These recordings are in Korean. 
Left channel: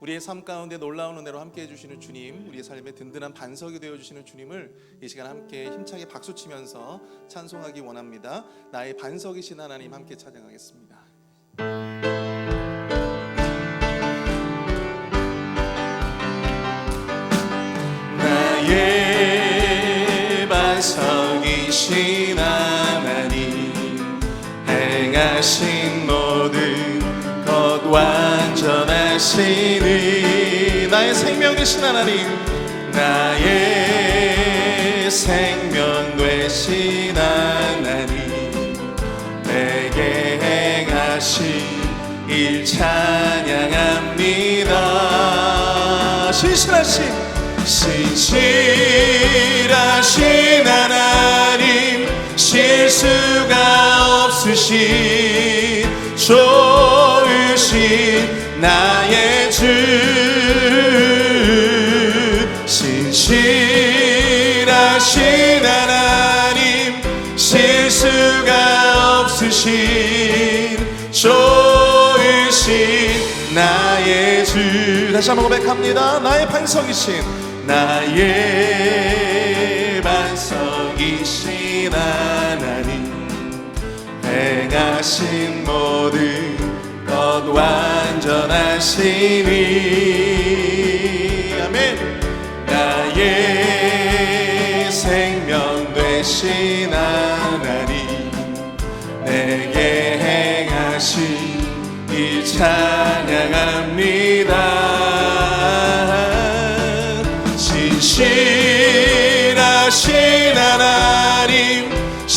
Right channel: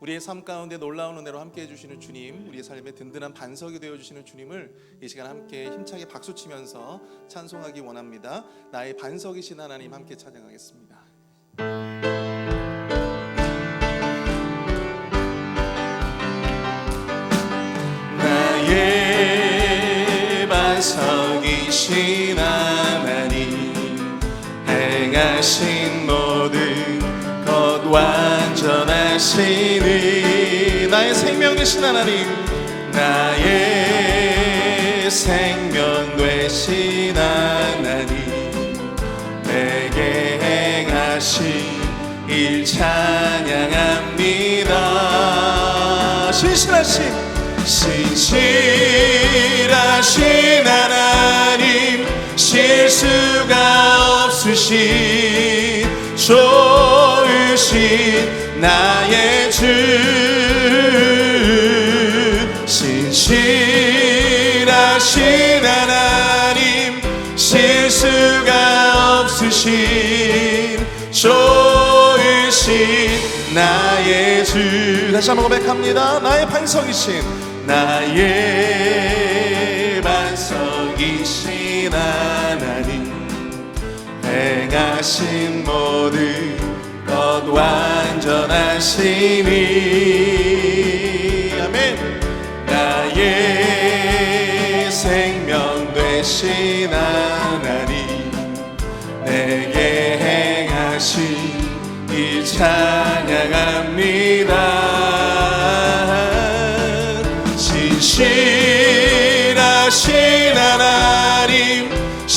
우리의 삶 가운데 놀라운 은혜로 함께 해주시는 주님, 우리의 삶의 든든한 반석이 되어 주시는 주님을 이 시간 함께 힘차게 박수 치면서 찬송하기 원합니다. 나의 반석이신 하나님 함께 찬양하겠습니다. 나 찬양합니다. 신실하신 신실하신 하나님 실수가 없으신 좋으신 나의 나의 주. 다시 한번 고백합니다. 나의 반석이신 나의 반석이신 하나님. 행하신 모든 것 완전하시니. 아멘. 나의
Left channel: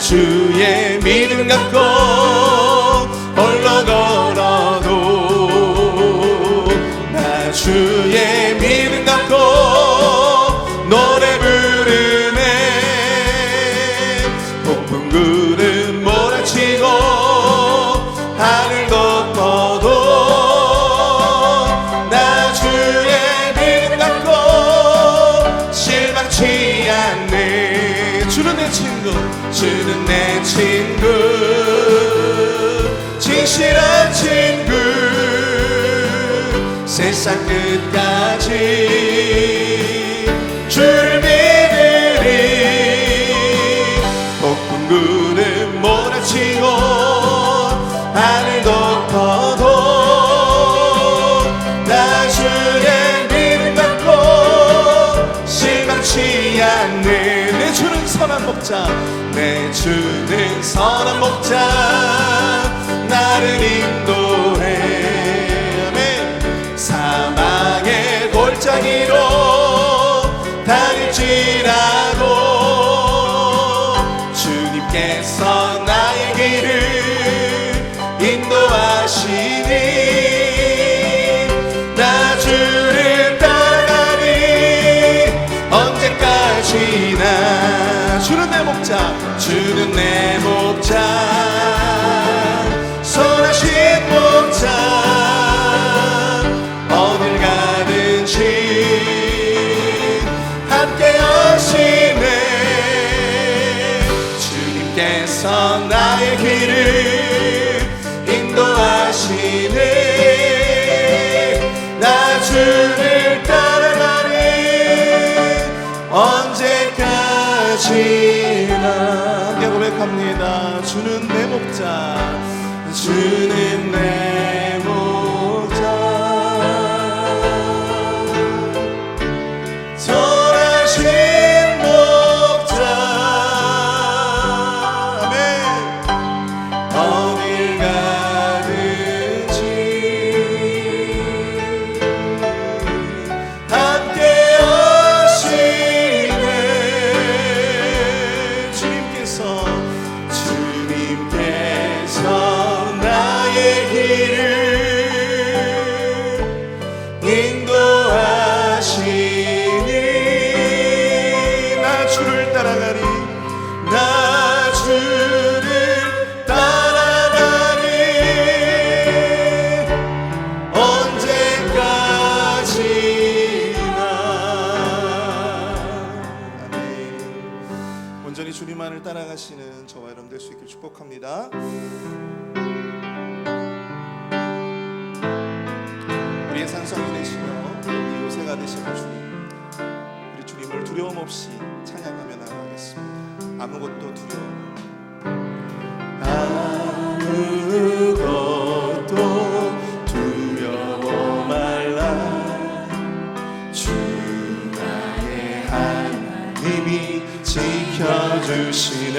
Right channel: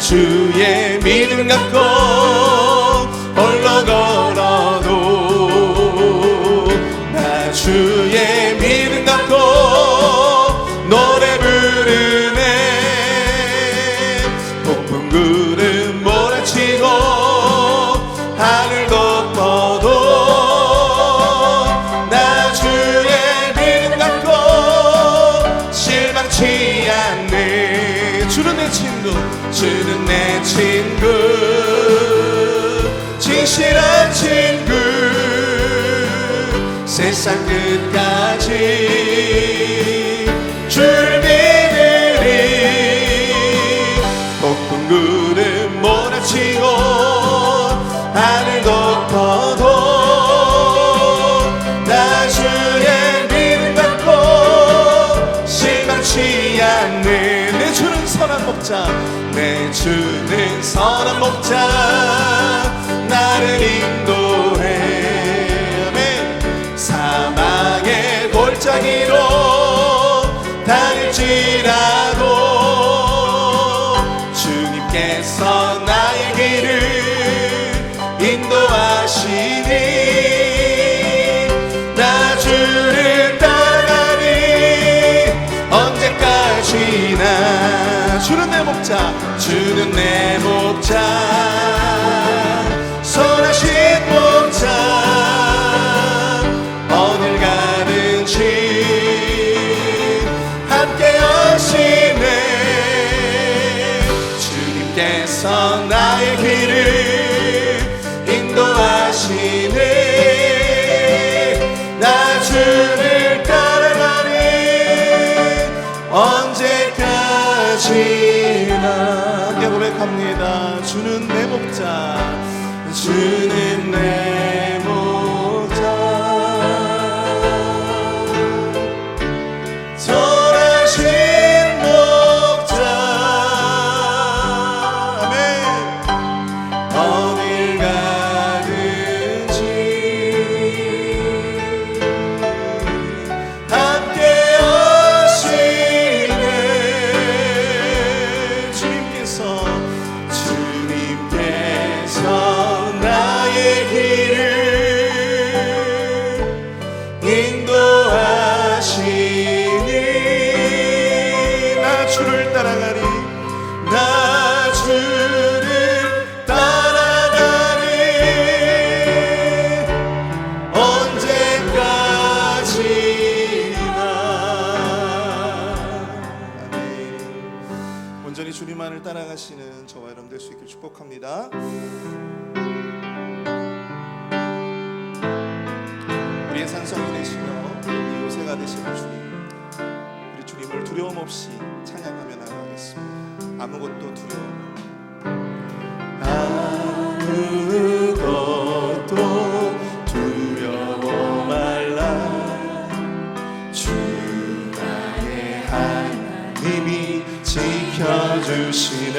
주의 믿음 갖 주는 내 친구 진실한 친구. 세상 끝까지 줄 믿으리. 높은 구름 몰아치고 하늘 덮어도 나 주의 믿음 갖고 실망치 않네 내 주는 목자. 내 주는 선한 목자. 나를 인도해. 아멘. 사망의 골짜기로 다닐지라도 주님께서 나의 길을 song. 없이 찬양하며 나가겠습니다. 아무것도 두려움. 아무것도 두려워 말라 주 나의 하나님이 지켜주시네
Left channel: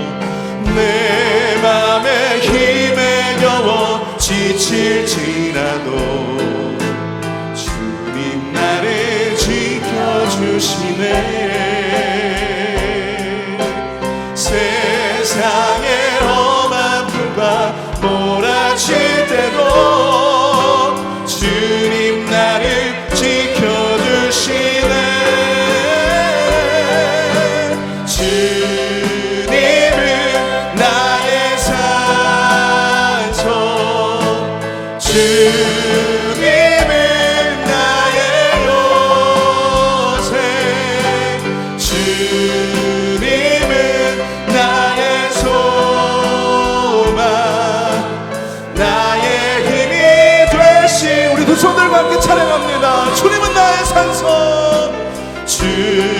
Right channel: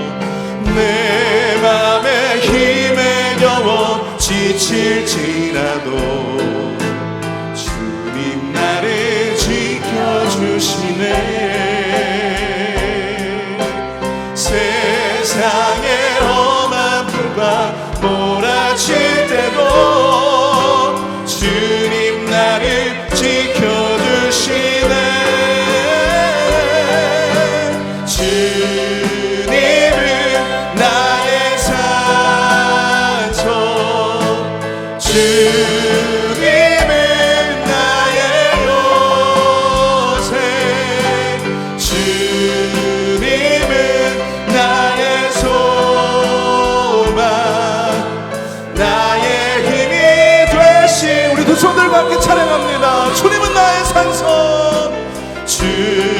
내 맘에 힘에 겨워 지칠지라도 see.